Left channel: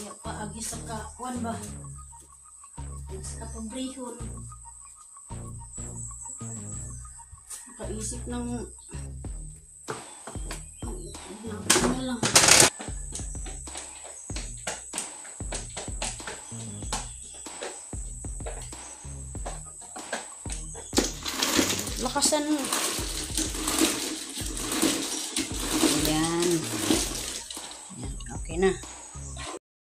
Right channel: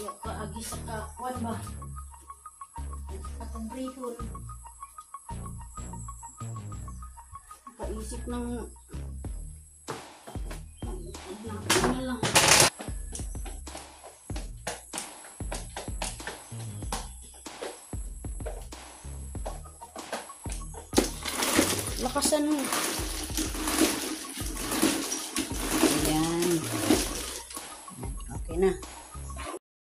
Ayaw ka agis ka kuan ba? Sa pambrihon. Kaisip ng na lang. Lakasan mo. Ayan. Okay na.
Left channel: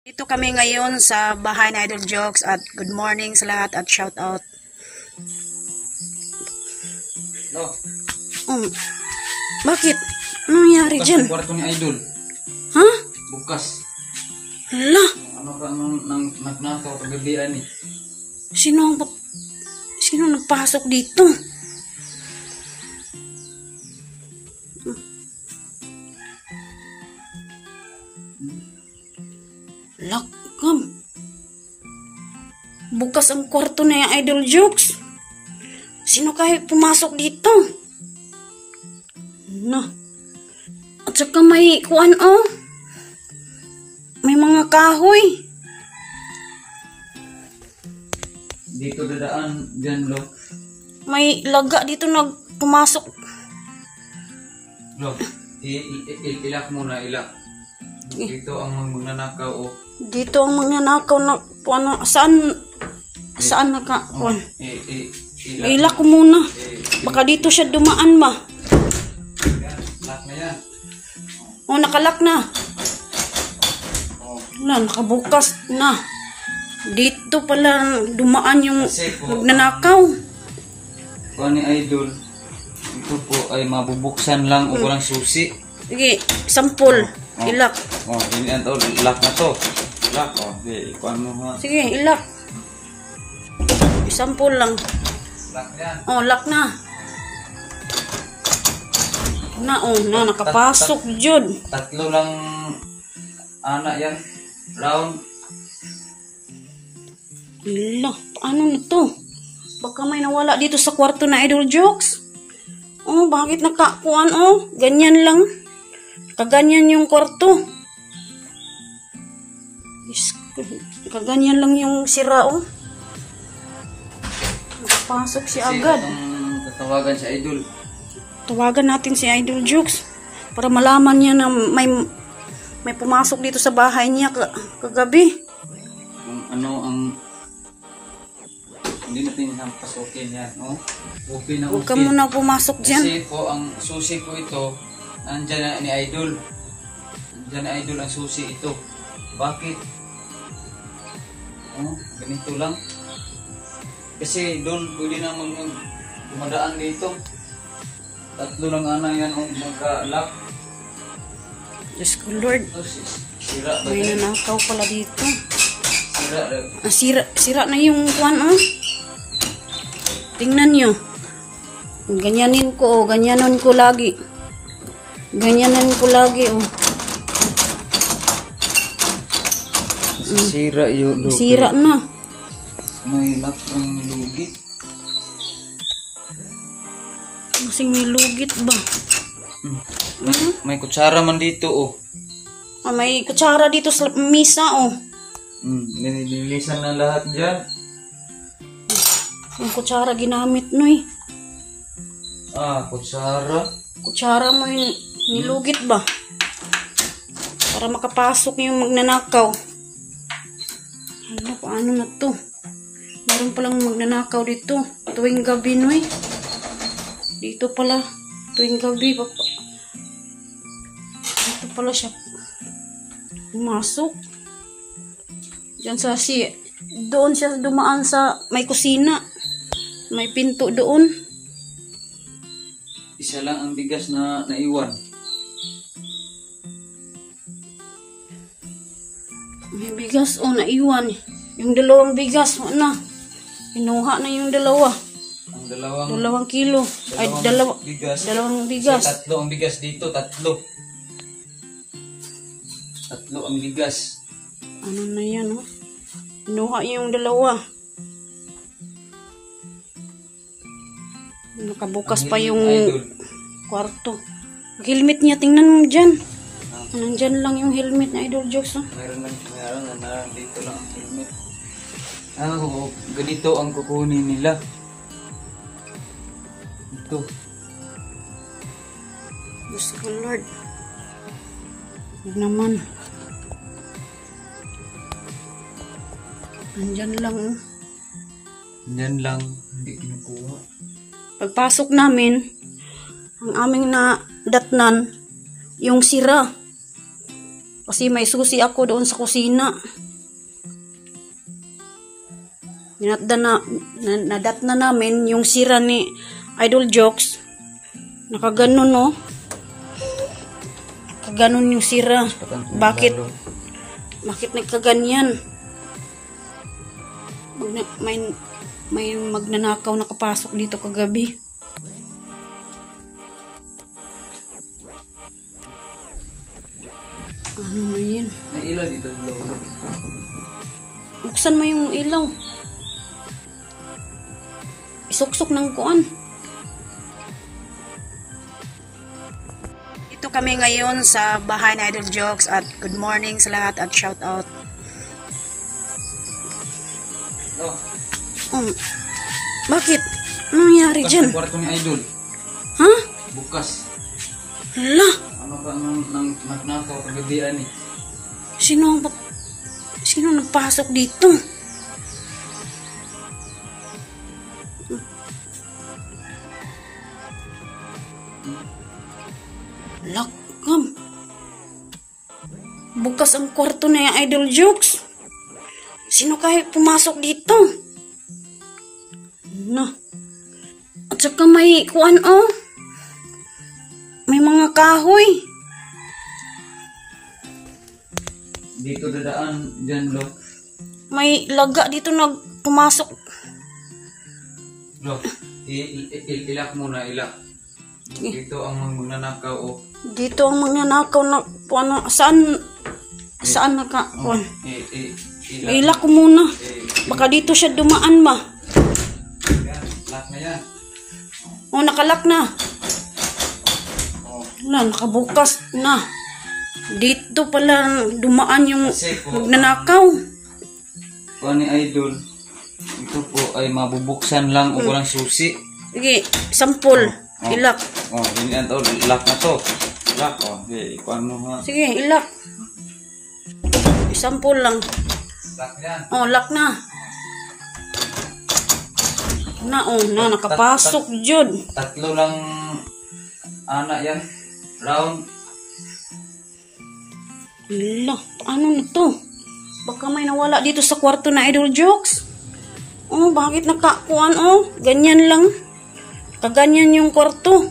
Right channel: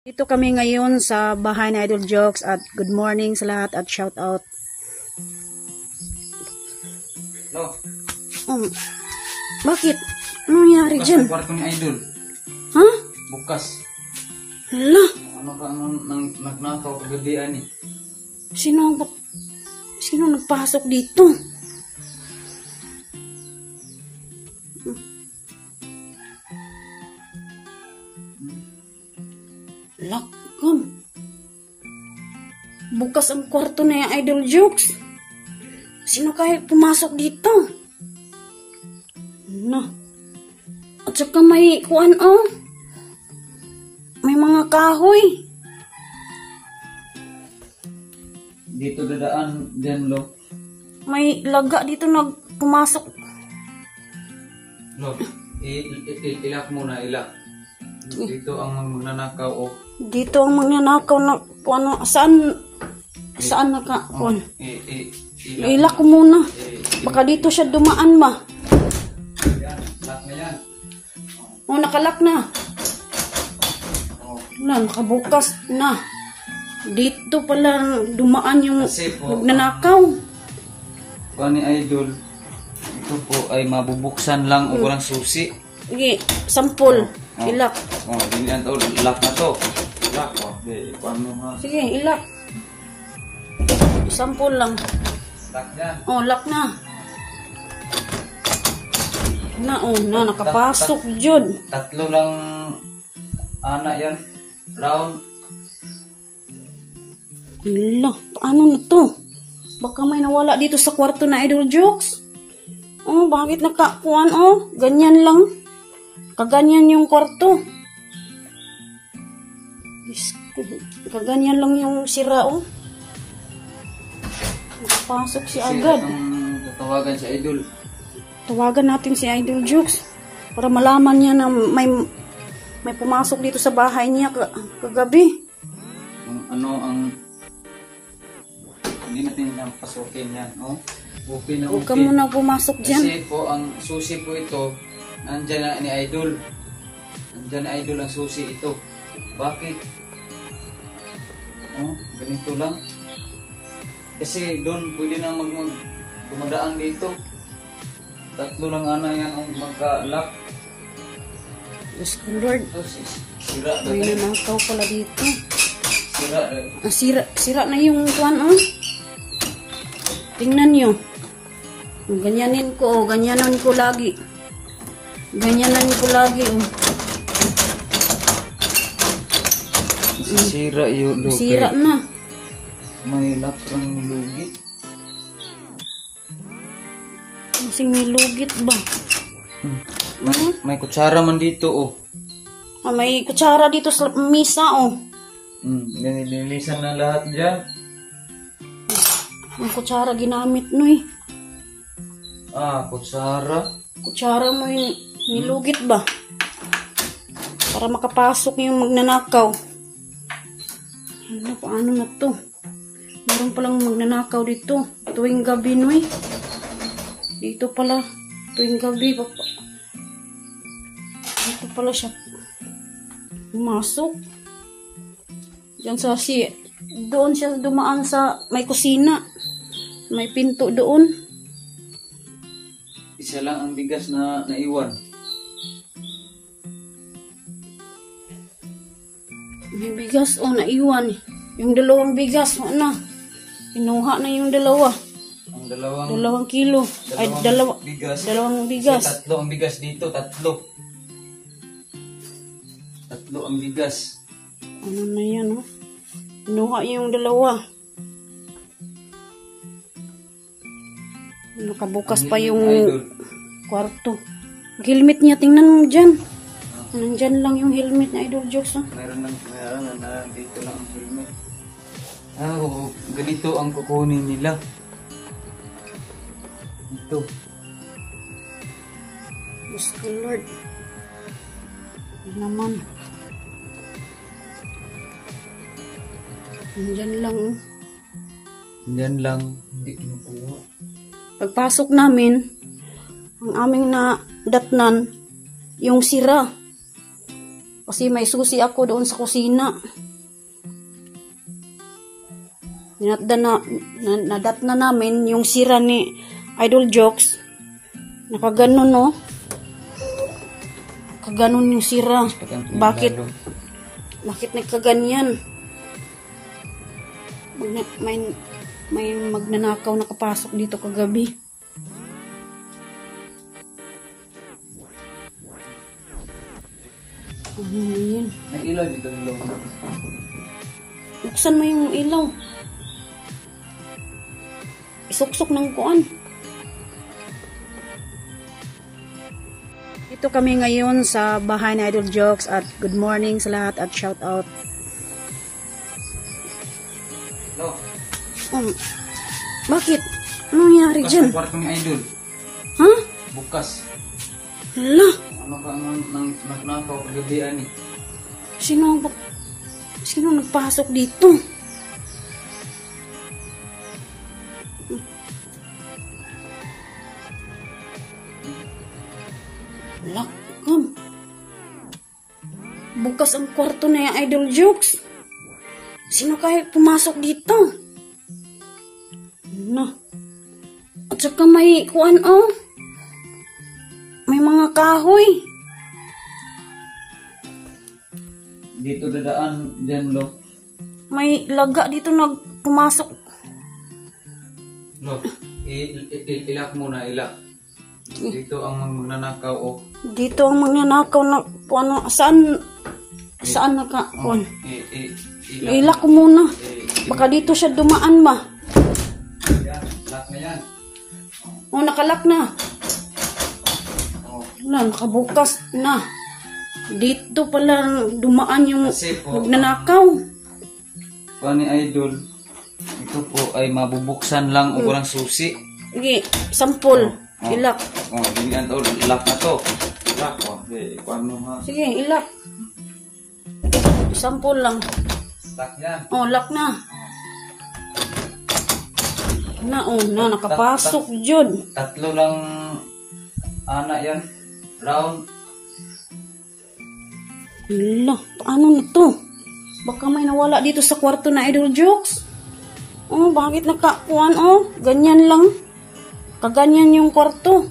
Dito kami ngayon sa bahay na Idol Jokes at good morning sa lahat at shout out. No. Bakit? Ano nangyari dyan? Bukas kwarto ni Idol. Ha? Bukas. Hala? Ano ka nang nagnakaw kagabihan eh? Sino nagpasok dito? Lakam. Bukas ang kwarto na yung Idol Jokes. Sino kaya pumasok dito? Na. At saka may kuan oh. May mga kahoy. Dito dadaan dyan lo. May laga dito pumasok. Lo, ilak muna, ilak. Dito ang magnanakaw o. Dito ang magnanakaw na kuan. Saan naka kuan? Ilak ko muna. Baka dito siya dumaan ba? Yan, lock na yan. Oh, nakalak na. Na, nakabukas na. Dito pala dumaan yung magnanakaw. Kuha ni Idol, ito po ay mabubuksan lang o walang susi. Sige, sampol. Ilak. Oh, ganyan to, lock na to. Lock, oh. Kuha mo ha. Sige, ilak. Sampol lang. Lock yan. Oh, lock na. Na, nakapasok jud. Tatlo lang anak yan. Round. Hala, paano na to? Baka may nawala dito sa kwarto na Idol Jokes. Oh, bakit nakakuan oh? Ganyan lang. Kaganyan yung kwarto. Kaganyan lang yung sira oh. Makapasok si agad. Tatawagan si Idol. Tawagan natin si Idol Jokes para malaman niya na may pumasok dito sa bahay niya kagabi. Ano ang hindi natin pasukin yan, no? Upi na upi. Huwag ka muna pumasok dyan. Kasi po ang susi ko ito, nandyan na ni Idol. Nandyan ni Idol ang susi ito. Bakit? Oh, ganito lang. Kasi doon pwede na dumadaan dito. Tatlo lang ana yan ang magka-lock. Diyos ko Lord. Sira ba? May nanakaw pala dito. Sira rin. Sira na yung one oh. Tingnan nyo. Ganyanin ko oh. Ganyanan ko lagi. Ganyanan ko lagi oh. Sira yun. Sira na. May lock ang lugit. Kasing may lugit ba? May kutsara man dito oh. Oh, may kutsara dito sa misa oh. Nililisan na lahat dyan. Yung kutsara ginamit no eh. Kutsara. Kutsara mo yung nilugit ba? Para makapasok yung magnanakaw. Ano, paano na to? Meron palang magnanakaw dito. Tuwing gabi no eh. Dito pala. Tuwing gabi. Dito pala siya pumasok. Diyan sa doon siya dumaan sa may kusina. May pinto doon. Isa lang ang bigas na naiwan. May bigas naiwan. Yung dalawang bigas na. Inuha na yung dalawa. Ang dalawang kilo. Dalawang bigas. Dalawang bigas. Tatlo ang bigas dito. Tatlo ang bigas. Ano na yan oh. Inuha yung dalawa. Nakabukas pa yung kwarto. Helmet niya, tingnan mo dyan. Nandyan lang yung helmet na Idol Jokes. Mayroon na Ganito ang kukunin nila. Ito. Diyos ko Lord. Huwag naman. Nandyan lang. Yan lang, hindi kinukuha. Pagpasok namin, ang aming nadatnan, yung sira. Kasi may susi ako doon sa kusina. Nadatnan namin yung sira ni Idol Jokes. Nakaganon, no? Nakaganon yung sira. Bakit? Bakit nagkaganyan? May magnanakaw nakapasok dito kagabi. Ano ba yan? May ilaw dito. Buksan mo yung ilaw. Isuksok ng kuan. Ito kami ngayon sa bahay na Idol Jokes at good morning sa lahat at shout out. Bakit? Ano nangyari Bukas dyan? ang kwarto ni Idol. Ha? Bukas. Hala? Ano ka ang naknakaw kagabihan eh? Sino nagpasok dito? Lakam. Bukas ang kwarto na Idol Jokes. Sino kaya pumasok dito? Na. At saka may kuan, oh. May mga kahoy. Dito dadaan dyan, lo. May laga dito pumasok. Lo, ilak muna, ilak. Dito ang magnanakaw, oh. Dito ang magnanakaw na ano, saan naka kuan? Ilak ko muna. Baka dito siya dumaan ba? Yan, lock na yan. Oh, nakalak na. Wala, nakabukas na. Dito pala dumaan yung magnanakaw. Kuha ni Idol, ito po ay mabubuksan lang o walang susi. Sige, sampol. Ilak. Oh, ganyan to, lock na to. Lock, oh. Okay, paano nga? Sige, ilak. Sampol lang. Lock yan. Oh, lock na. Nakapasok jud. Tatlo lang anak yan. Round. Hala, paano na to? Baka may nawala dito sa kwarto na Idol Jokes. Oh, bakit nakakuan, oh? Ganyan lang. Kaganyan yung kwarto.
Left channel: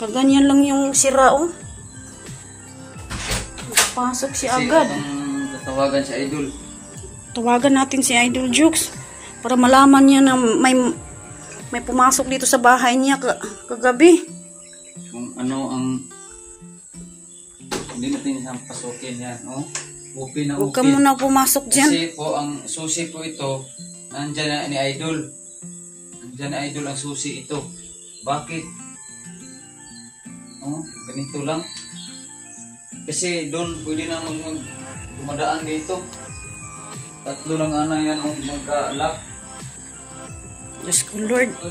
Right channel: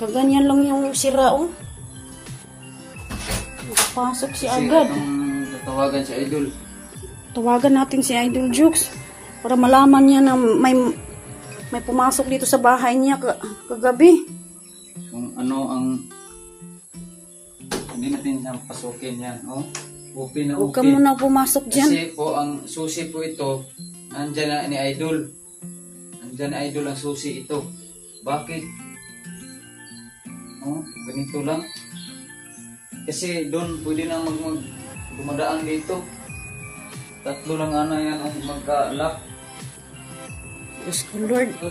Kaganyan lang yung sira, oh. Pasok si agad. Tatawagan si Idol. Tawagan natin si Idol Jokes para malaman niya na may pumasok dito sa bahay niya kagabi. Kung ano ang hindi natin siyang pasukin yan, no? Upin na Huwag ka upin. muna pumasok dyan. Kasi po ang susi po ito, nandyan na ni Idol. Nandyan ni Idol ang susi ito. Bakit? No? Ganito lang. Kasi doon pwede na dumadaan dito. Tatlo lang ana yan ang magka-lock. Diyos ko Lord. Ito,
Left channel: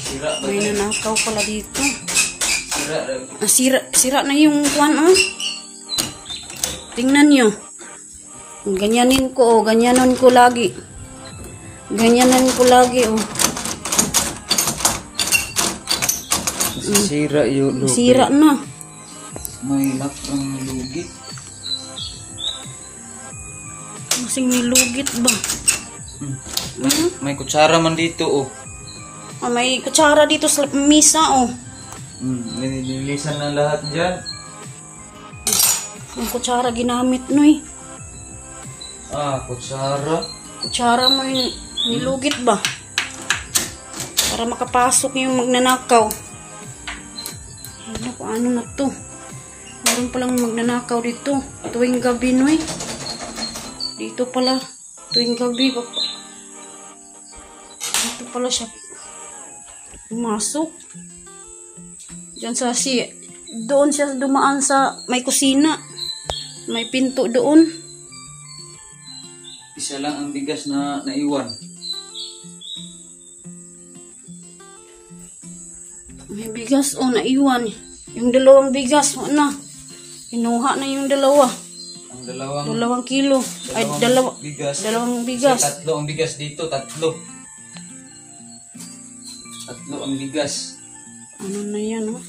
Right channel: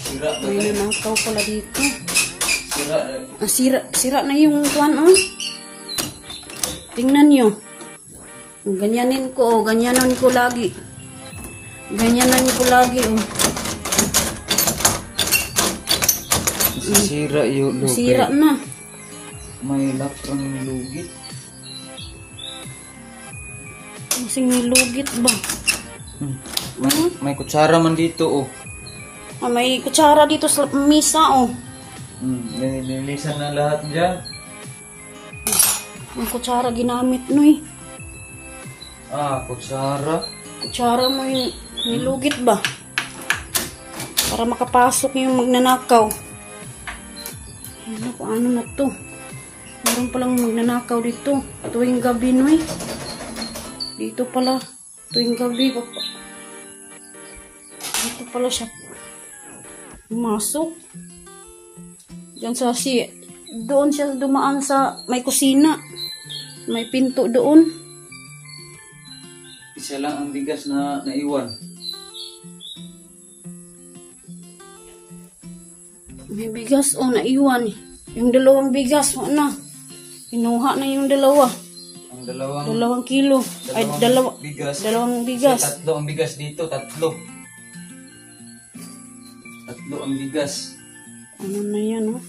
sira ba May yan? nanakaw pala dito. Sira. Sira na yung kwan, oh. Tingnan nyo. Ganyanin ko, oh. Ganyanan ko lagi. Ganyanan ko lagi, oh. Sira yung lugit. Sira na. May lock ang lugit. Masing may lugit ba? May kutsara man dito, oh. Oh, may kutsara dito sa misa, oh. Nililisan na lahat dyan. Ang kutsara ginamit, noy. Kutsara. Kutsara mo yung nilugit ba? Para makapasok yung magnanakaw. Ano, paano na to? Meron palang magnanakaw dito. Tuwing gabi, noy. Dito pala. Tuwing gabi. Dito pala siya. Pumasok. Diyan doon siya dumaan sa may kusina. May pinto doon. Isa lang ang bigas na naiwan. May bigas o naiwan. Yung dalawang bigas, wala na. Inuha na yung dalawa. Ang 2 kilo. Ay, bigas. dalawang bigas. Tatlo ang bigas dito, tatlo. Tatlo ang bigas. Ano na yan, oh?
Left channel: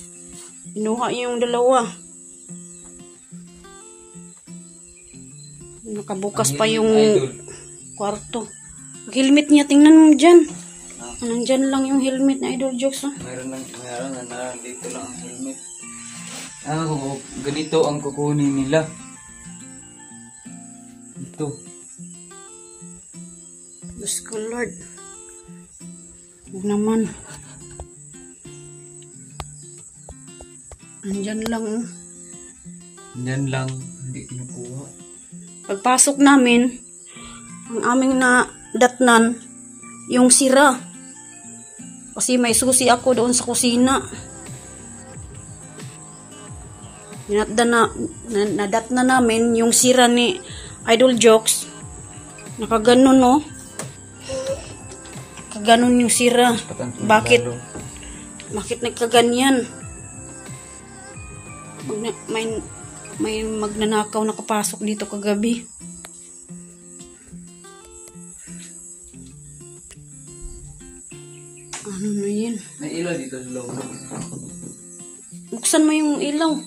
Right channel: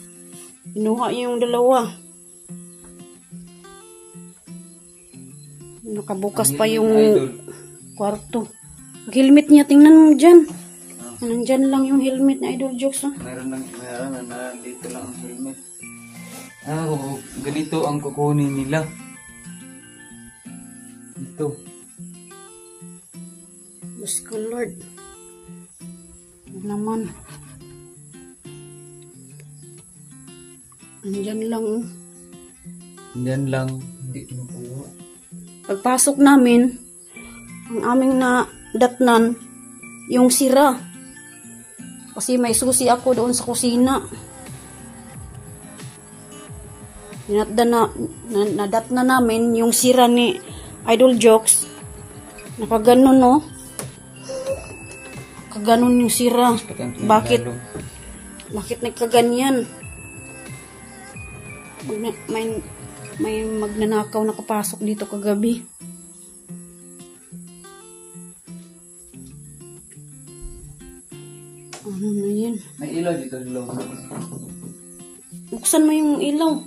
Inuha yung dalawa. Nakabukas pa yung Idol. kwarto. Helmet niya, tingnan mo dyan. Nandyan lang yung helmet na Idol Jokes, oh. Mayroon dito lang ang helmet. Ganito ang kukunin nila. Ito. Diyos ko, Lord. Huwag naman. Nandyan lang, oh. Yan lang, hindi kinukuha. Pagpasok namin, ang aming nadatnan, yung sira. Kasi may susi ako doon sa kusina. Nadatnan namin yung sira ni Idol Jokes. Nakaganon, no? Kaganon yung sira. Bakit? Bakit nagkaganyan? May magnanakaw nakapasok dito kagabi. Ano na yun? May ilaw dito sa loob. Buksan mo yung ilaw.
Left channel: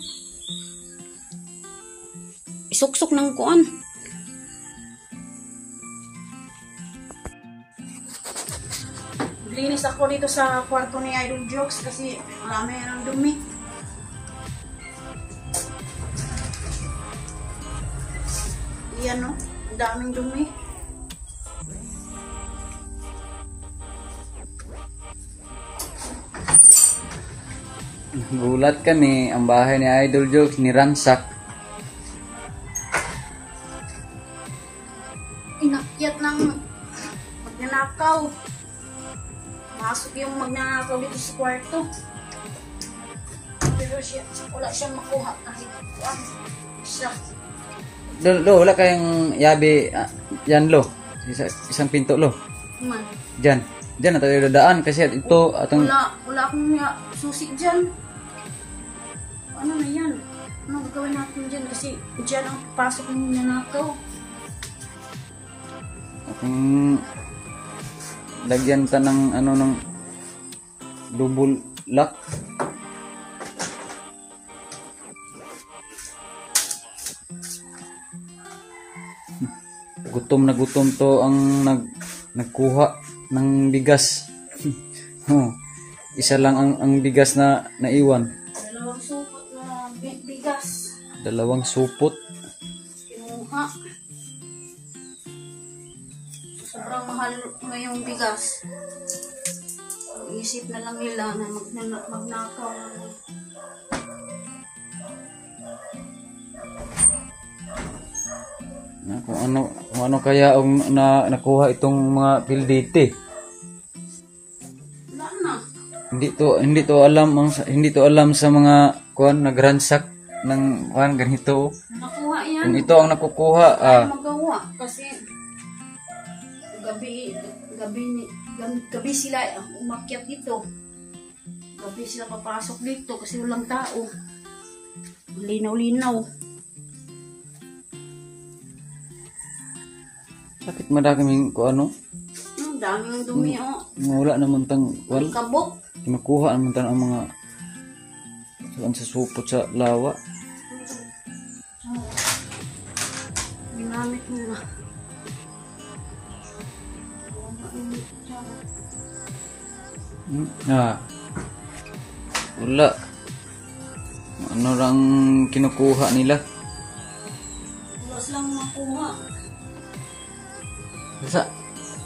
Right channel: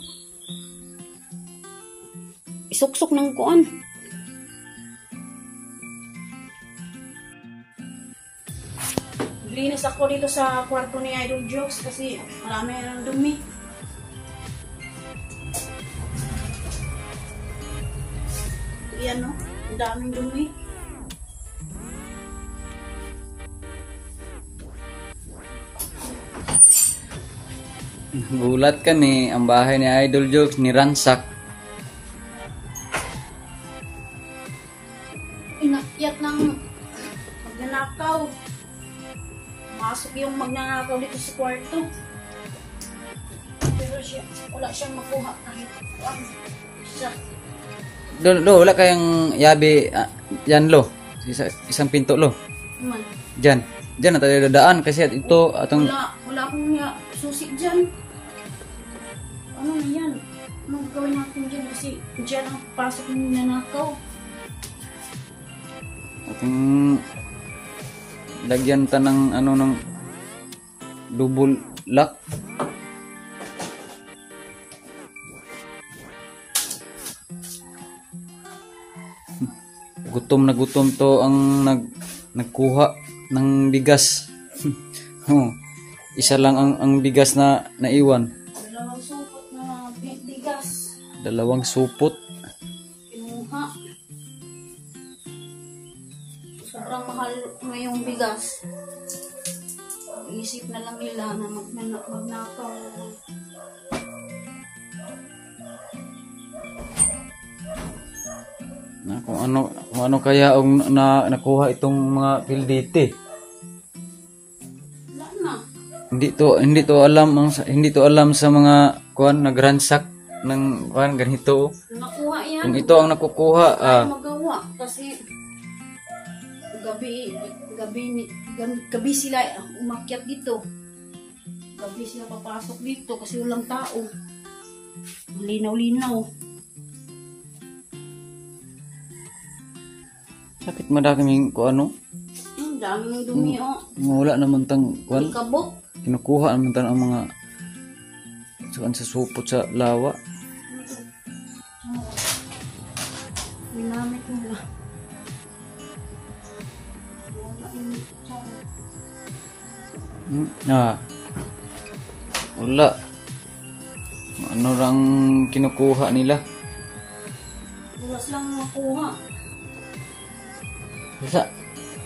Isuksok ng kuan. Linis ako dito sa kwarto ni Idol Jokes kasi marami ng dumi. Yan, no? Ang daming dumi. Gulat kami, ang bahay ni Idol Jokes niransak. Inakyat ng magnanakaw. Masok yung magnanakaw dito sa kwarto. Pero wala siyang makuha kahit isa. Lo, wala kayong yabi, yan lo. Isang pinto lo. Man. Diyan na tayo dadaan kasi ito atong Wala akong susi dyan. Ano na yan? Anong gagawin natin dyan? Kasi dyan ang pasok ng nanakaw. atong lagyan ta ng ano ng double lock. Gutom na gutom to ang nagkuha ng bigas. Isa lang ang bigas na naiwan. Dalawang supot na bigas. Dalawang supot. Kinuha. Sobrang mahal ngayong bigas. Isip na lang nila na magnakaw na. Kung ano kaya ang nakuha itong mga pildite. Wala na. Hindi to alam sa mga kuan nagransak ng kuan ganito. Nakuha yan. Kung ito ang nakukuha Magawa kasi gabi sila umakyat dito. Gabi sila papasok dito kasi walang tao. Linaw-linaw. bakit madaming kuan ano? Ang daming dumi, oh. Wala naman tang kuan. Kabok. Kinukuha naman tang ang mga saan sa supot sa lawa. Ginamit nila. Wala. Ano lang kinukuha nila? Ulas lang makuha.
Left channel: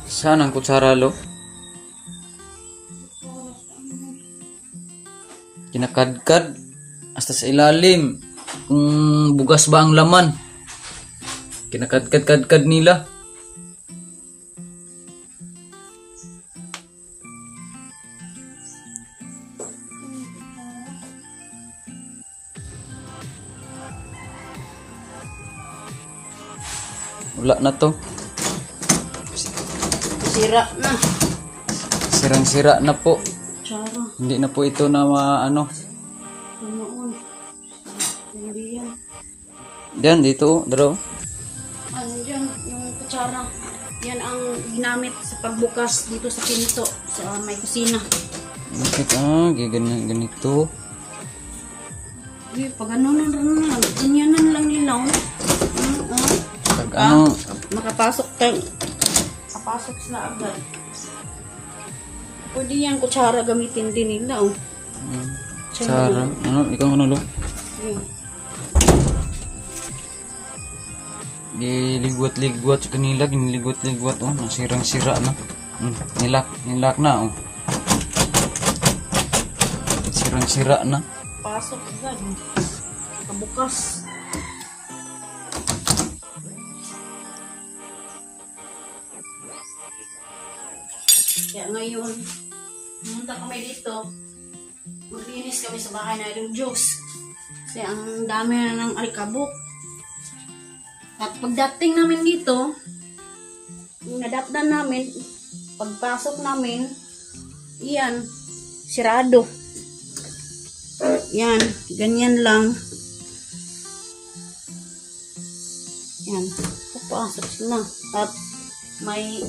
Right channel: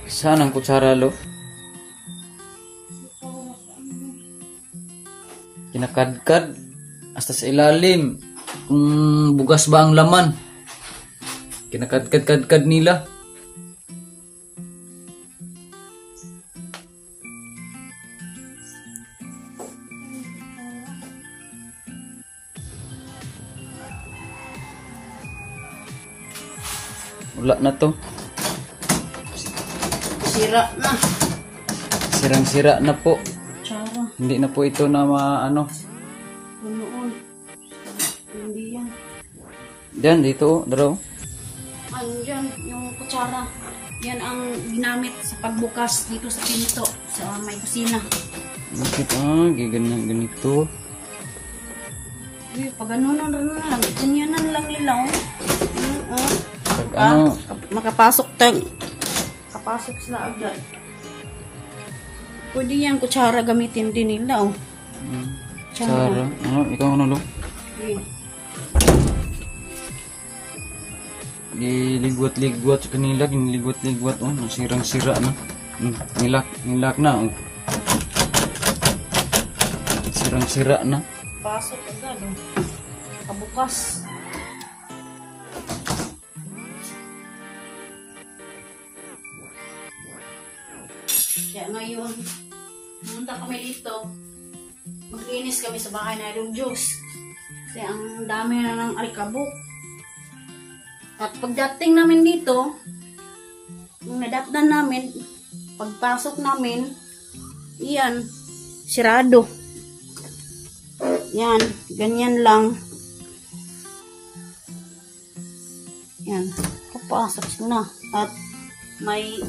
Saan ang kutsara lo? Kinakadkad hasta sa ilalim. Kung bugas ba ang laman? Kinakadkad-kadkad nila. Wala na to. Sira na. Sirang-sira na po. Tsara. Hindi na po ito na ano. Noon. Hindi yan. Diyan, dito, dalaw. Ano yan, yung kutsara. Yan ang ginamit sa pagbukas dito sa pinto, sa may kusina. Bakit ganito? Pag ano na lang, ganyanan lang ilaw. Makapasok sila agad. Pwede yan, kutsara gamitin din nila, oh. Tsara. Ikaw ano, lo? Ligwat-ligwat sa kanila, ginligwat-ligwat, oh. Nasirang-sira na. Nilak na, oh. Sirang-sira na. Pasok agad, oh. Kabukas. Kaya ngayon, pumunta kami dito, maglinis kami sa bahay na yung juice. Kasi ang dami na ng alikabok. At pagdating namin dito, yung nadakdan namin, pagpasok namin, yan, sirado. Yan, ganyan lang. Yan, papasok sila. At may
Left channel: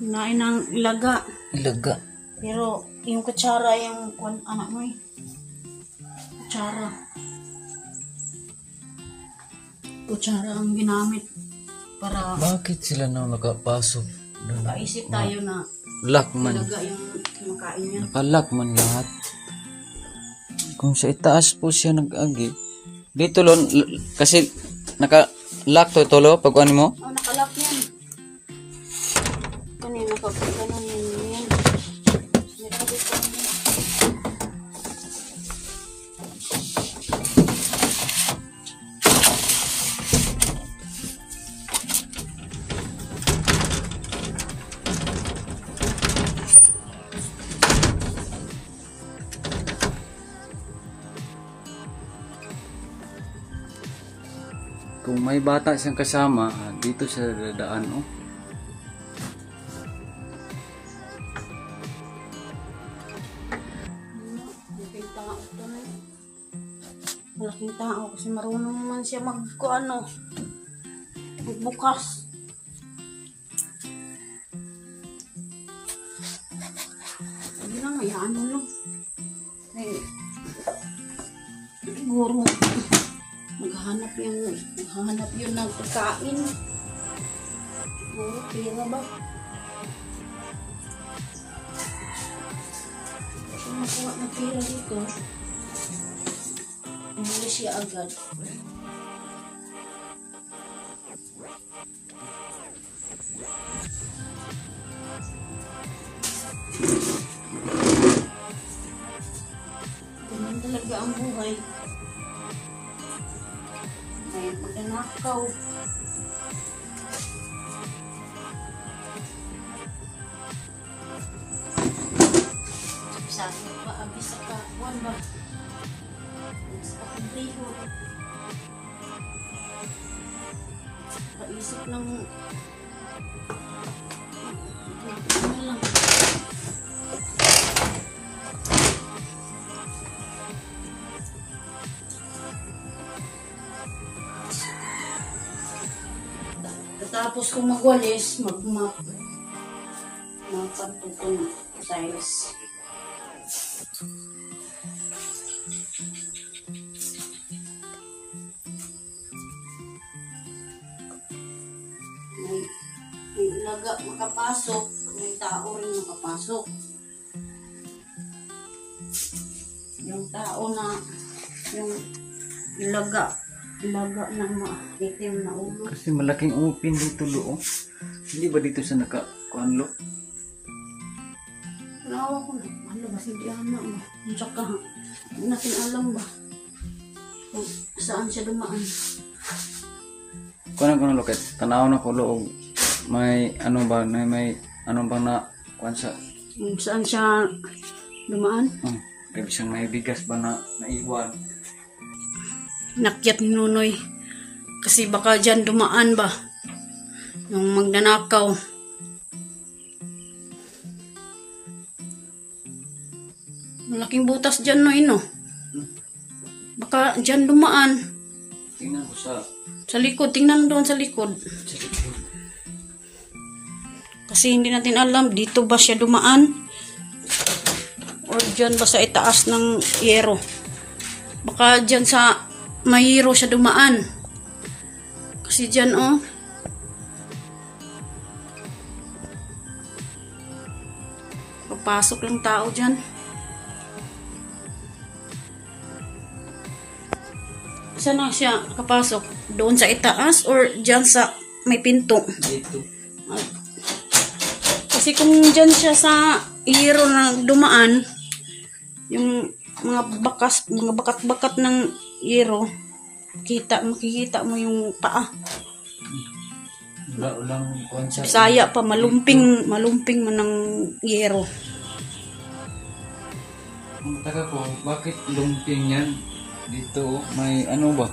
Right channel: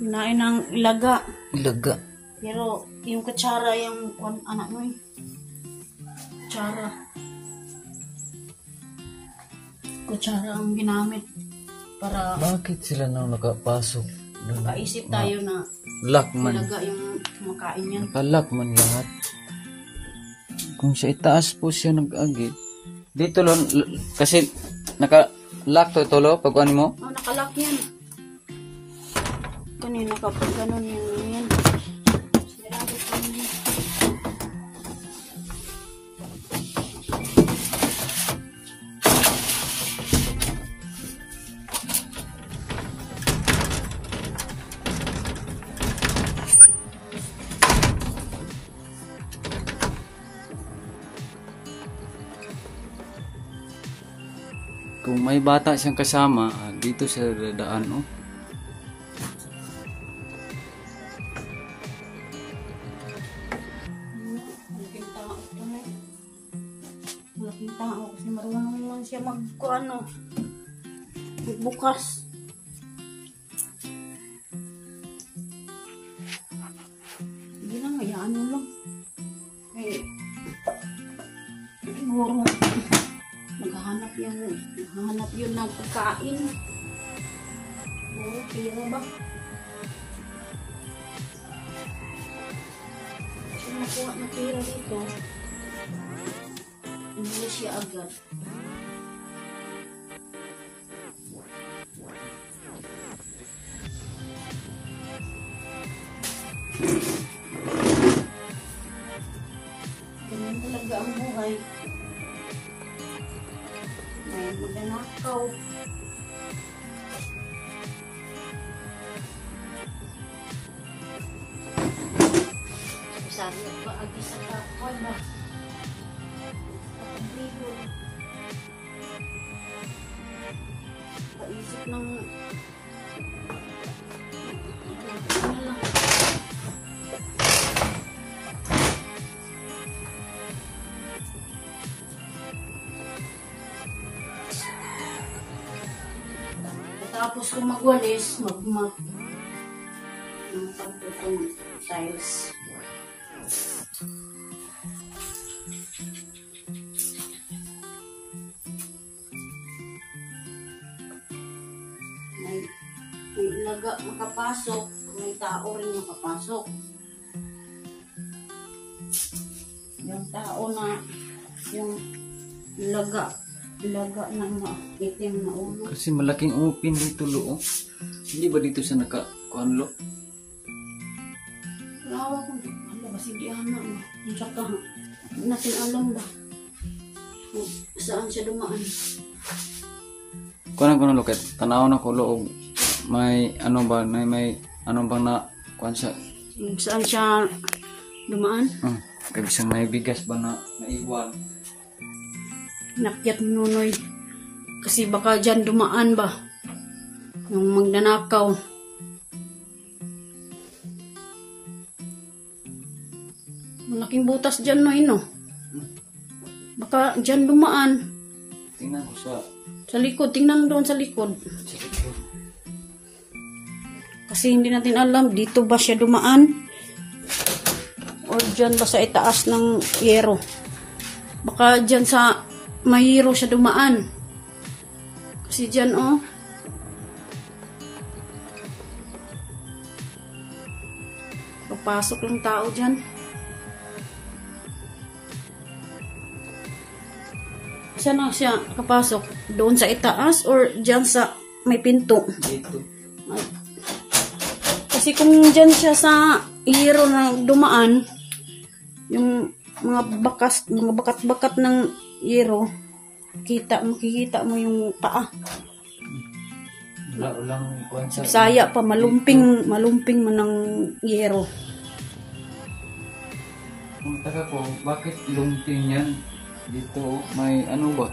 Kinain ng ilaga. Ilaga. Pero yung kutsara, yung anak mo kutsara ang ginamit para Bakit sila na nakapasok? makaisip tayo na Lock man. ilaga yung kumakain yan. Napalak man lahat. Kung sa itaas po siya nag-agi. Dito lo, kasi naka-lock to lo pag ano mo. Oh, nakalock yan. Kanina kapag ganun yan. Sinirado ko yan. Kung may bata siyang kasama, dito sa dadaan, oh. Malaking tao kasi marunong man siya magbukas. Hindi lang, hayaan mo lang. Siguro maghahanap yun ng pagkain. Siguro, tira ba? Kung nakuha na tira dito, hindi siya agad. Ganun talaga ang buhay. May magnanakaw. Sabi ko ba, agis sa kapwan ba? Paisip ng tapos kung magwalis, magmap ng pagtutong tiles. May ilaga makapasok, may tao rin makapasok. Yung tao na yung ilaga ng itim na ulo. Kasi malaking umupin dito lo, oh. Hindi ba dito sa naka-kuan lo? Lawa ko na. Ano ba si Diana? Ang tsaka, hindi natin alam ba kung saan siya dumaan. Kuan ko na lo, kahit tanaw na ko lo, may ano ba, may ano bang na kuan sa Kung saan siya dumaan. kaya siyang may bigas ba na naiwan. Nakyat ni Nunoy. Kasi baka dyan dumaan ba. Yung magnanakaw. Malaking butas dyan, no, ino. Baka dyan dumaan. Tingnan ko Sa likod, tingnan doon sa likod. Kasi hindi natin alam, dito ba siya dumaan? O dyan ba sa itaas ng yero? Baka dyan sa mayero siya dumaan. Kasi dyan, oh. Papasok lang tao dyan. Saan na siya kapasok? Doon sa itaas or dyan sa may pinto? dito. Kasi kung dyan siya sa iyero na dumaan, yung mga bakat-bakat ng iyero, makikita mo yung paa. Walang Sa Bisaya pa, malumping man ng iyero. Kung taga ko, bakit lumping yan? Dito, may ano ba?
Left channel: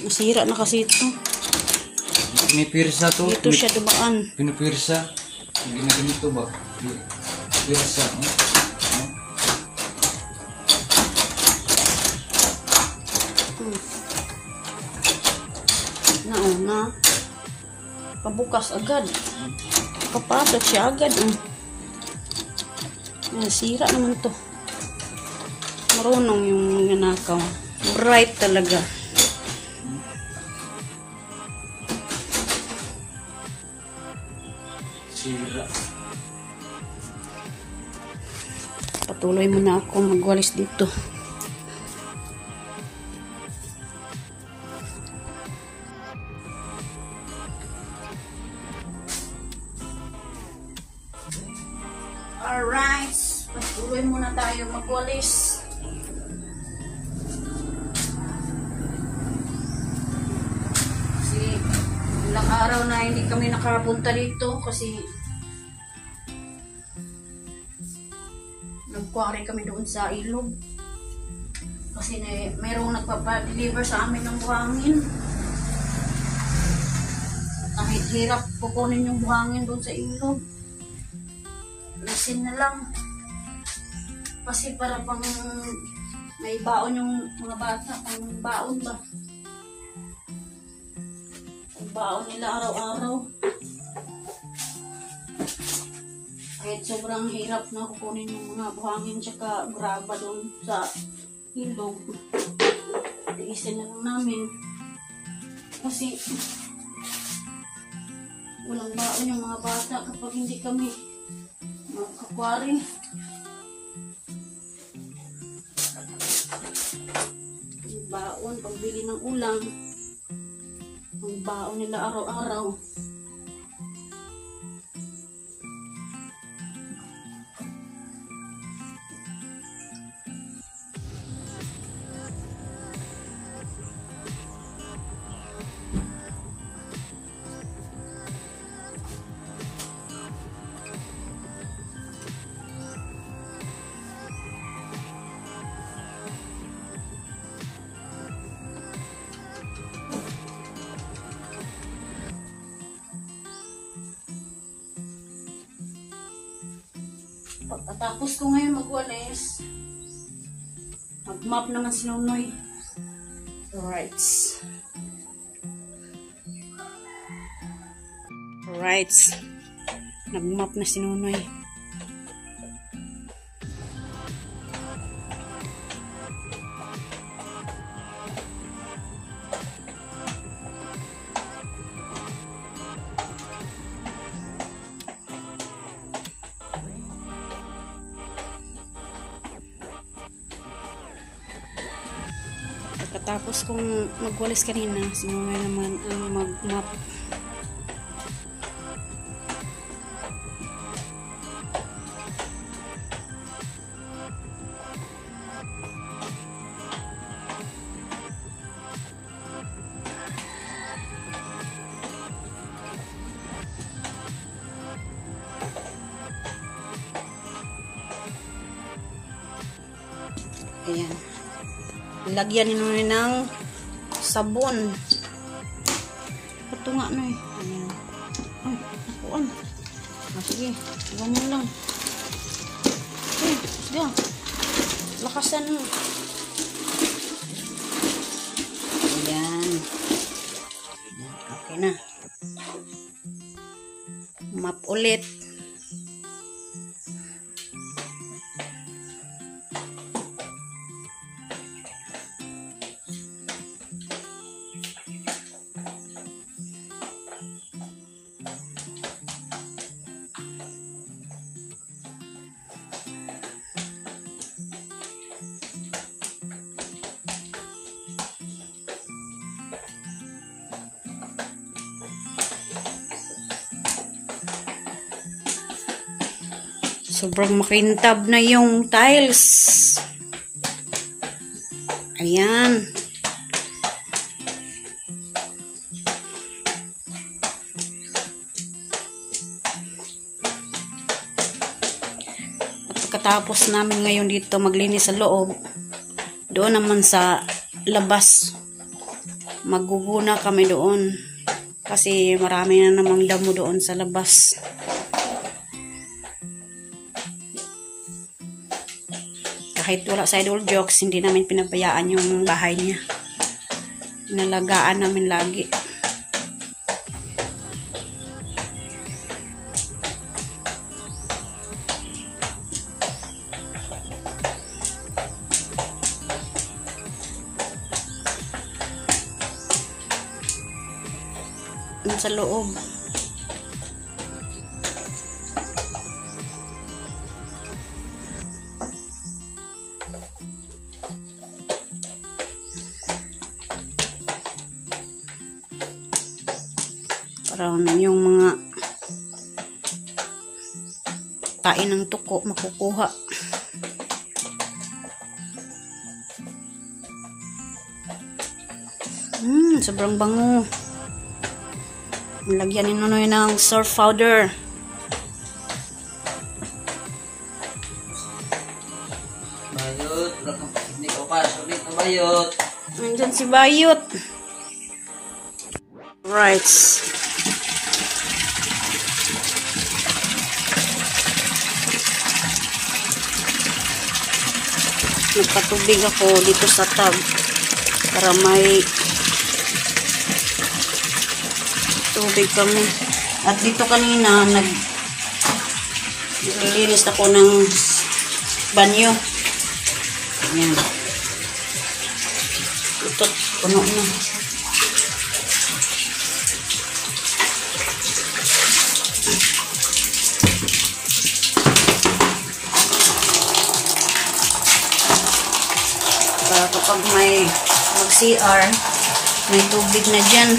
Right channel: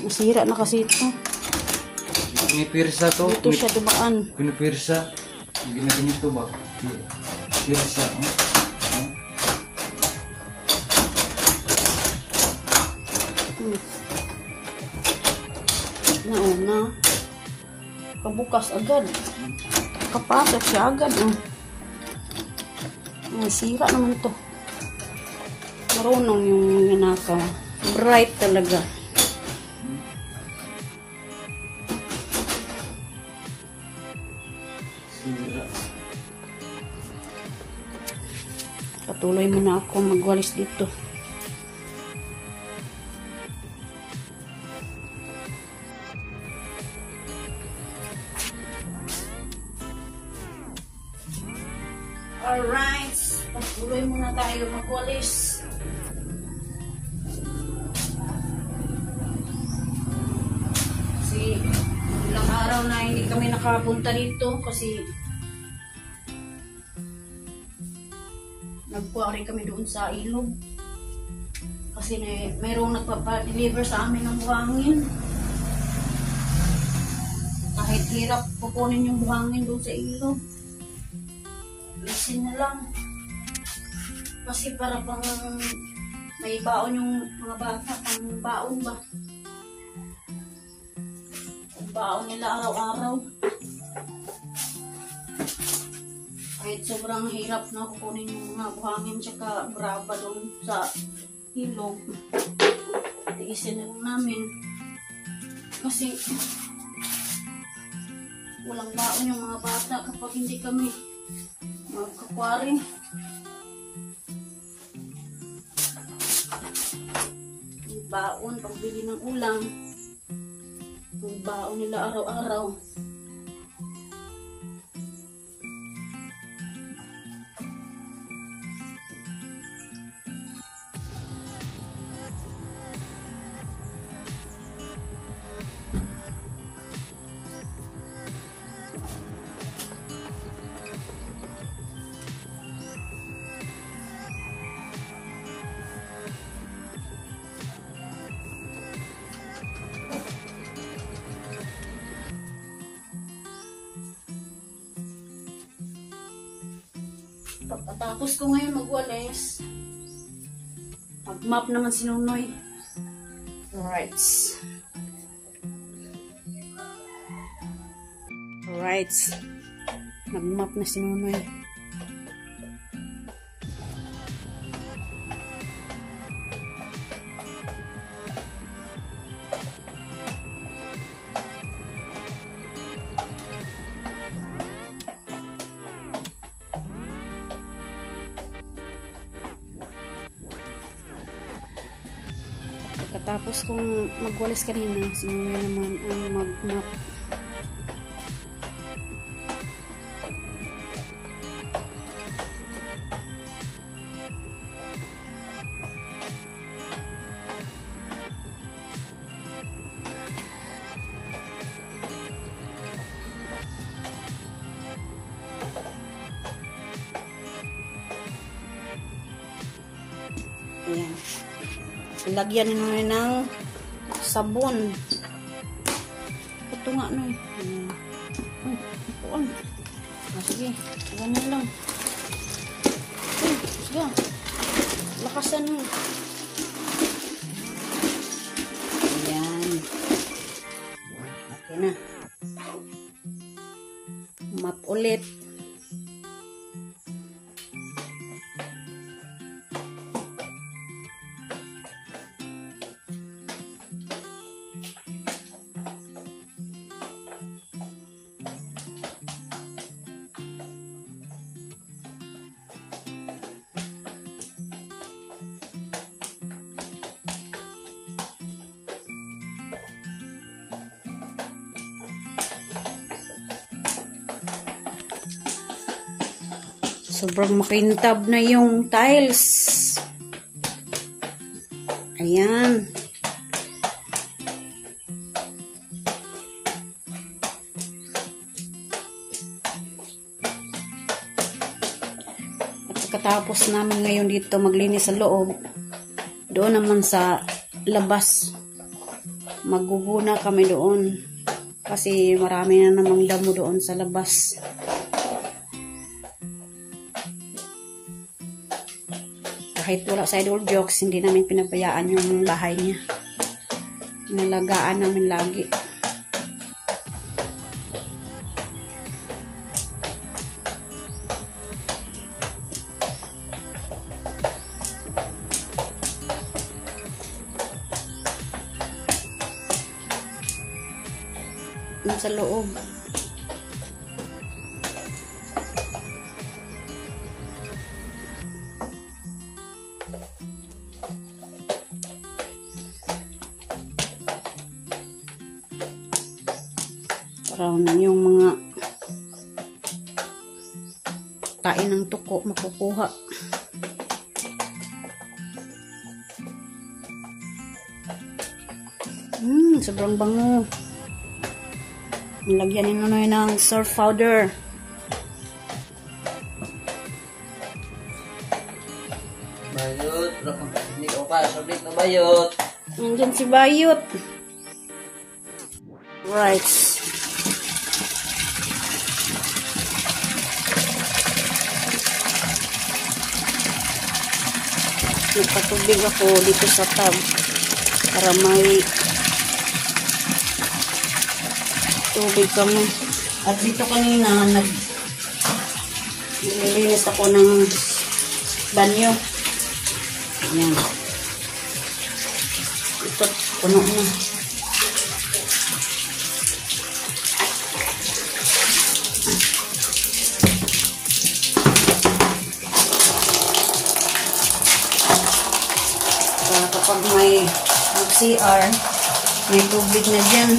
Nasira na kasi ito. Pinipirsa to. Dito siya dumaan. Pinipirsa. Hindi na ganito ba? Pirsa. Nauna. Kabukas agad. Kapasok siya agad. Sira naman to. Marunong yung nanakaw. Bright talaga. Sira. Patuloy muna ako magwalis dito. Alright, patuloy muna tayo magwalis. Kasi ilang araw na hindi kami nakapunta dito kasi nagkwari kami doon sa ilog. Kasi mayroong nagpapa-deliver sa amin ng buhangin. Kahit hirap kukunin yung buhangin doon sa ilog. Isin na lang. Kasi para pang may baon yung mga bata. Pang baon ba? Pang baon nila araw-araw. Kahit sobrang hirap na kukunin yung mga buhangin tsaka graba doon sa ilog. Isin na lang namin. Kasi walang baon yung mga bata kapag hindi kami magkakwari. Baon, pagbili ng ulam. Baon nila araw-araw. Pagkatapos ko ngayon magwalis, mag-map naman si Nunoy. Alright. Alright. Nag-map na si Nunoy. Tapos kung magwalis kanina, simula naman ang mag-map. Ayan. Lagyan nyo ng sabon. Ito nga na eh. Ayan. Sige, iba mo lang. Sige. Lakasan mo. Ayan. Okay na. Map ulit. Sobrang makintab na yung tiles. Ayan. Pagkatapos namin ngayon dito maglinis sa loob, doon naman sa labas, maguguna kami doon. Kasi marami na namang damo doon sa labas. Kahit wala sa Idol Jokes, hindi namin pinabayaan yung bahay niya. Nalagaan namin lagi. Sa loob. Parang yung mga tain ng tuko makukuha. Sobrang bango. Lagyan ni Nonoy ng surf powder. Bayot, hindi ko pa, sabit na bayot. Nandyan si Bayot. Right. Nagpatubig ako dito sa tub para may tubig ka mo. At dito kanina naglinis ako ng banyo. Ayan. Ito, puno na. Kapag may mag-CR, may tubig na dyan.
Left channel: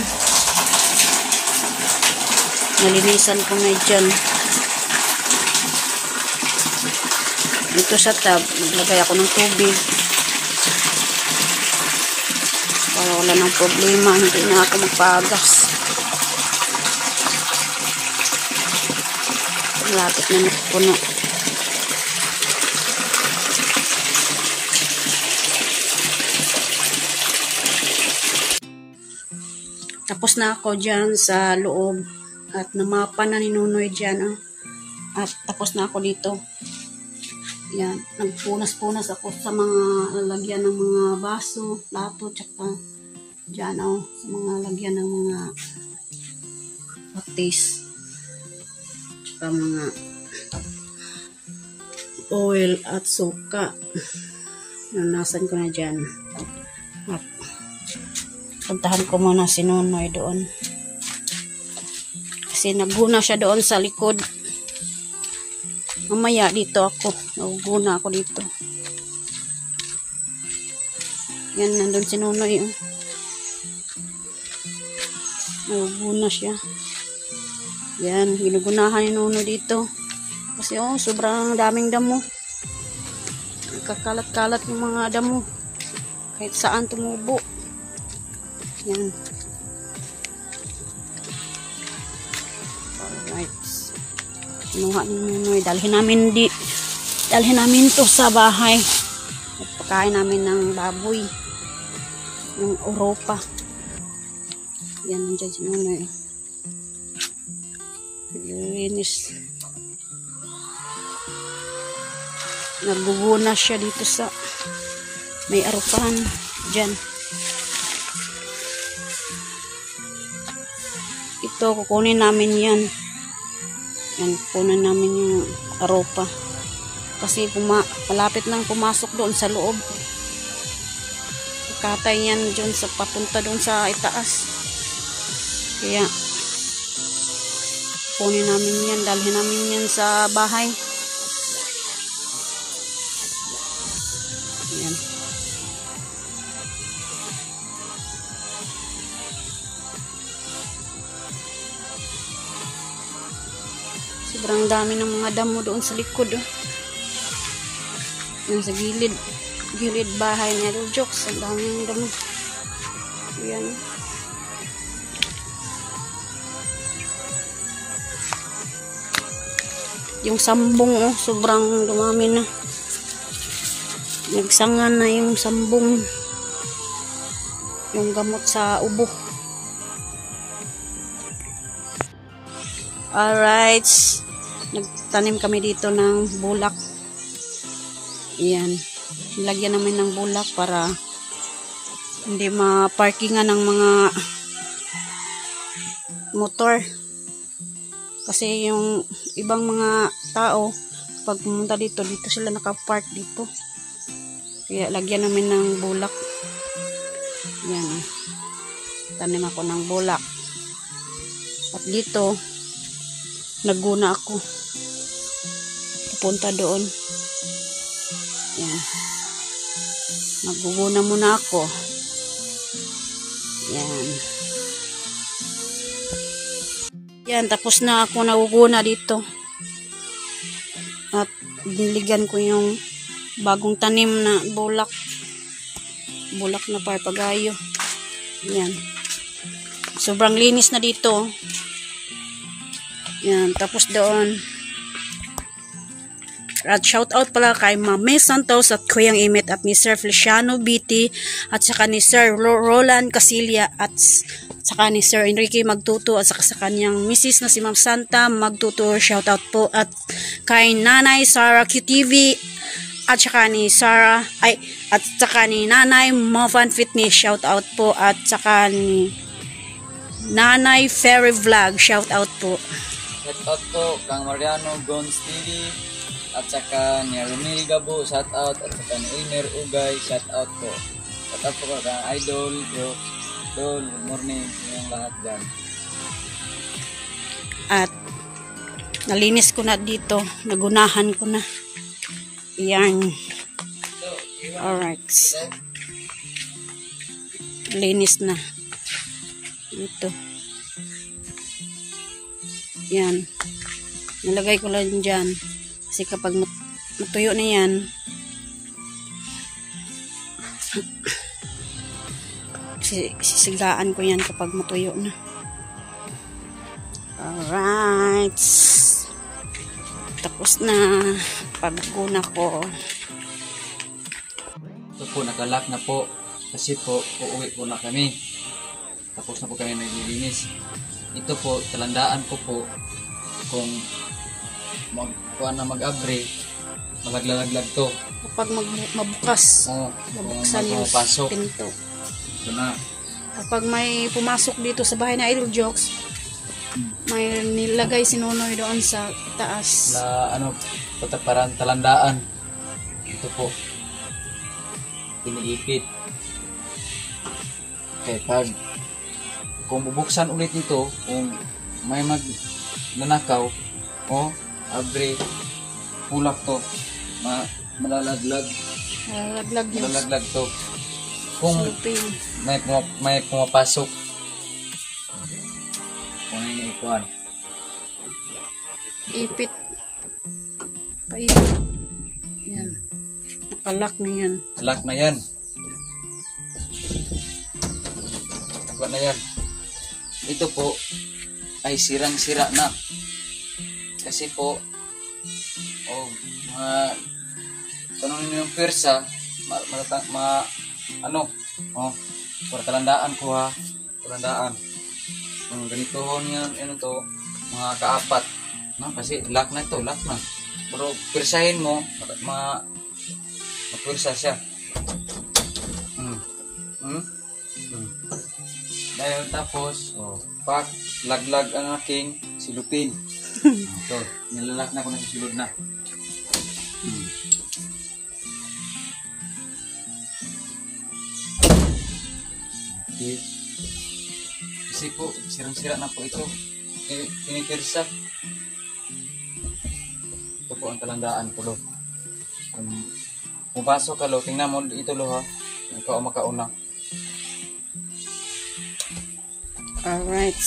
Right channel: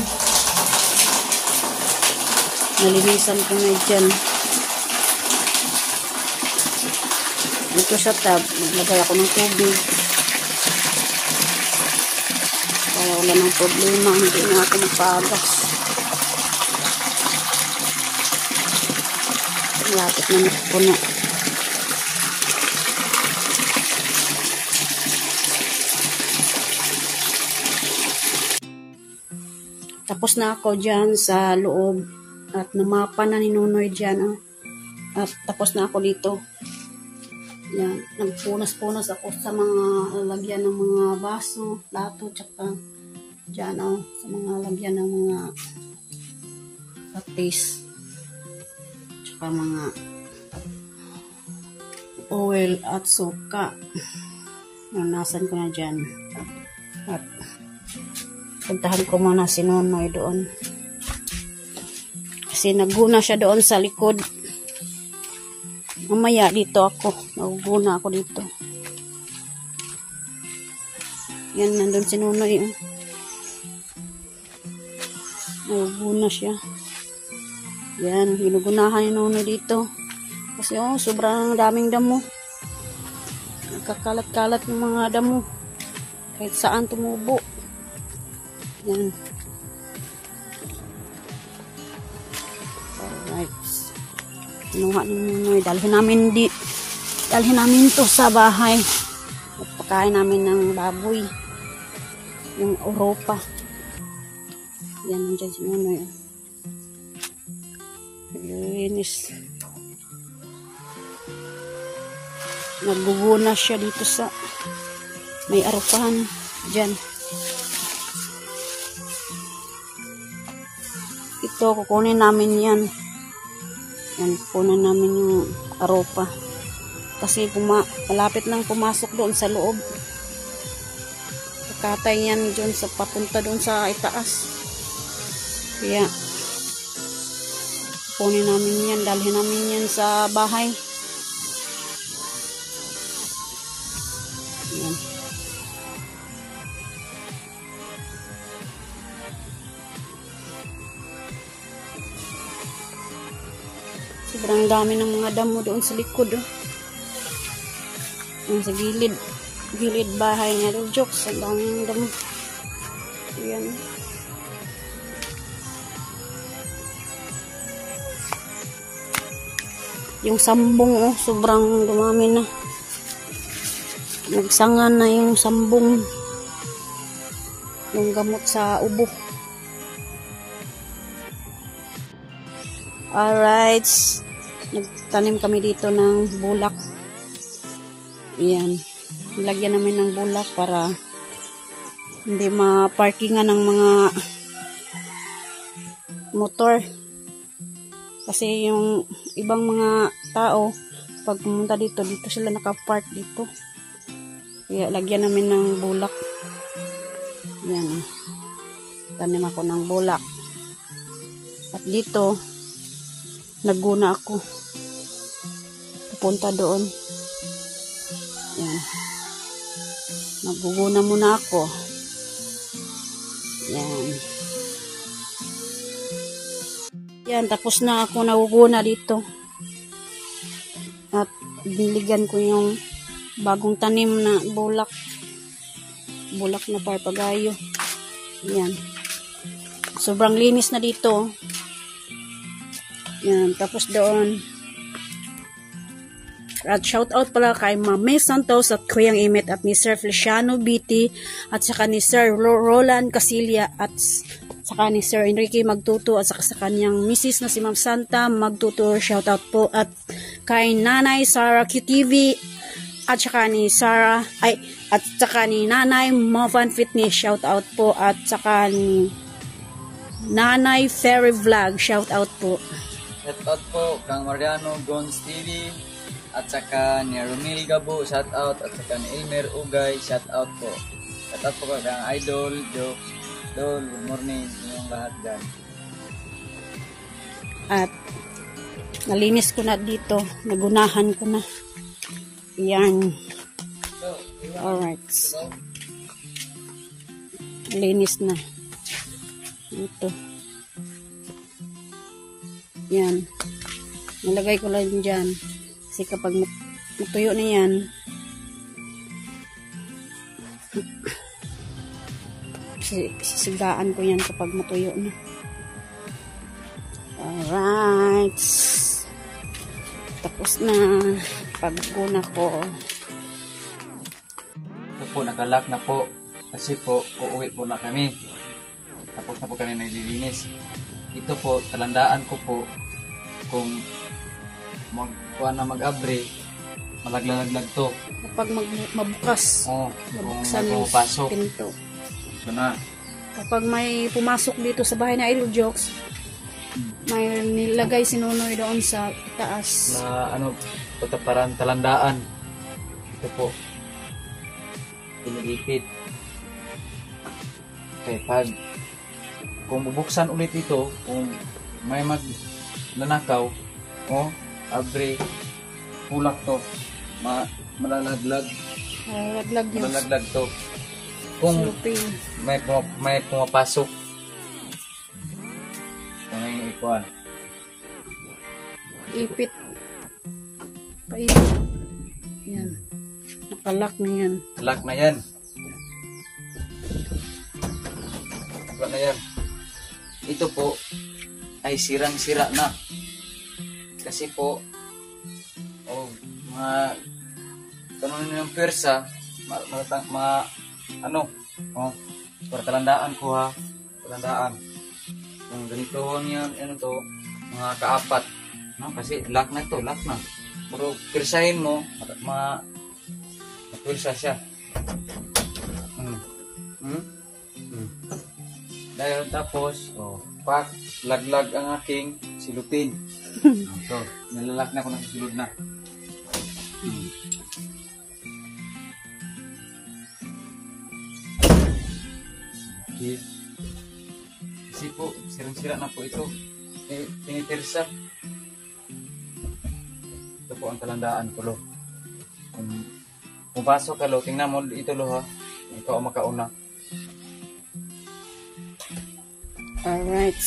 Nalinisan ko na dyan. Ito sa tub, naglagay ako ng tubig. Wala ng problema, hindi na ako magpagas. Malapit na napuno. Tapos na ako dyan sa loob. At namapa na ni Nonoy dyan. At tapos na ako dito. Yan. Nagpunas-punas ako sa mga lagyan ng mga baso, plato, tsaka dyan sa mga lagyan ng mga patis. Tsaka mga oil at suka. Nanasan ko na dyan. At puntahan ko muna si Nonoy doon. Kasi nagguna siya doon sa likod. Mamaya dito ako. Nagguna ako dito. Yan, nandun si Nonoy. Nagguna siya. Yan, ginugunahan ni Nonoy dito. Kasi sobrang daming damo. Kakalat-kalat yung mga damo. Kahit saan tumubo. Yan. Kinuha ni Nonoy. Dalhin namin to sa bahay. Pagkain namin ng baboy. yung Europa. Yan, nandiyan si Nonoy. Linis. Naguguna siya dito sa may arupahan dyan. Ito, kukunin namin yan. Yan, kukunin namin yung arupa. Kasi malapit nang pumasok doon sa loob. Katay yan dyan sa papunta doon sa itaas. Kaya, kukunin namin yan. Dalhin namin yan sa bahay. Yan. Sobrang dami ng mga damo doon sa likod. Oh. Yung sa gilid bahay niya. Jokes, sa daming damo. Yan. Yung sambong, oh, sobrang dumami na. Nagsangan na yung sambong. Yung gamot sa ubo. Alright. Nagtanim kami dito ng bulak. Ayan. Lagyan namin ng bulak para hindi ma-parkingan ng mga motor. Kasi yung ibang mga tao, pag pumunta dito sila naka-park dito. Kaya lagyan namin ng bulak. Yan. Tanim ako ng bulak. At dito, nagguna ako. Pupunta doon. Yan. Nagguguna muna ako. Yan. Yan, tapos na ako naguguna dito. At biniligan ko yung bagong tanim na bulak. Bulak na papagayo. Yan. Sobrang linis na dito. Yan, tapos doon. At shout out pala kay Mame Santos at Kuyang Imit at ni Sir Feliciano BT at saka ni Sir Roland Casilia at saka ni Sir Enrique Magtuto at saka sa kanyang misis na si Ma'am Santa Magtuto. Shout out po at kay Nanay Sarah QTV at saka ni Sarah at saka ni Nanay Movan Fitness. Shout out po at saka ni Nanay Fairy Vlog. Shout out po. Shout out po kang Mariano Gons TV at saka ni Romil Gabo. Shout out at saka ni Imer Ugay. Shout out po. Shout out po kang Idol Bro. Good morning yung lahat dyan. At nalinis ko na dito. Nagunahan ko na. Yan. Alright. Linis na. Ito. Yan. Nilagay ko lang dyan. Kasi kapag matuyo na yan, sisigaan ko yan kapag matuyo na. Alright. Tapos na pagkuna ko. Ito po, nakalak na po. Kasi po, uuwi po na kami. Tapos na po kami naglilinis. Ito po, talandaan ko po kung mag-abri, malaglag to. Kapag magbukas. Oo, kung Buksan yung magpapasok. pinto. Ito na. Kapag may pumasok dito sa bahay na Idol Jokes, may nilagay si Nonoy doon sa taas. Na parang talandaan. Ito po. Iniipit. Okay, kung bubuksan ulit ito, kung may nanakaw, abri, kulak to, malalaglag. Malalaglag to. Kung may pumapasok, may ikuan. Ipit. Paipit. Yan. Nakalak na yan. Lock na yan. Lock na yan. Ito po ay sirang-sira na. Kasi po, yung persa, Para talandaan ko ha. Talandaan. Ganito niya, ano to, mga kaapat. No, kasi lock na to, lock na. Pero pirsahin mo, mapirsa siya. Ngayon, tapos, pak, laglag ang aking silupin. So, nilalak na ko na sa silod na. Okay. Kasi po, sirang-sira na po ito. Tinitirsa. Ito po ang talandaan ko, lo. Kung pasok ka, lo, tingnan mo ito, lo, ha. Ikaw ang makauna. Alright.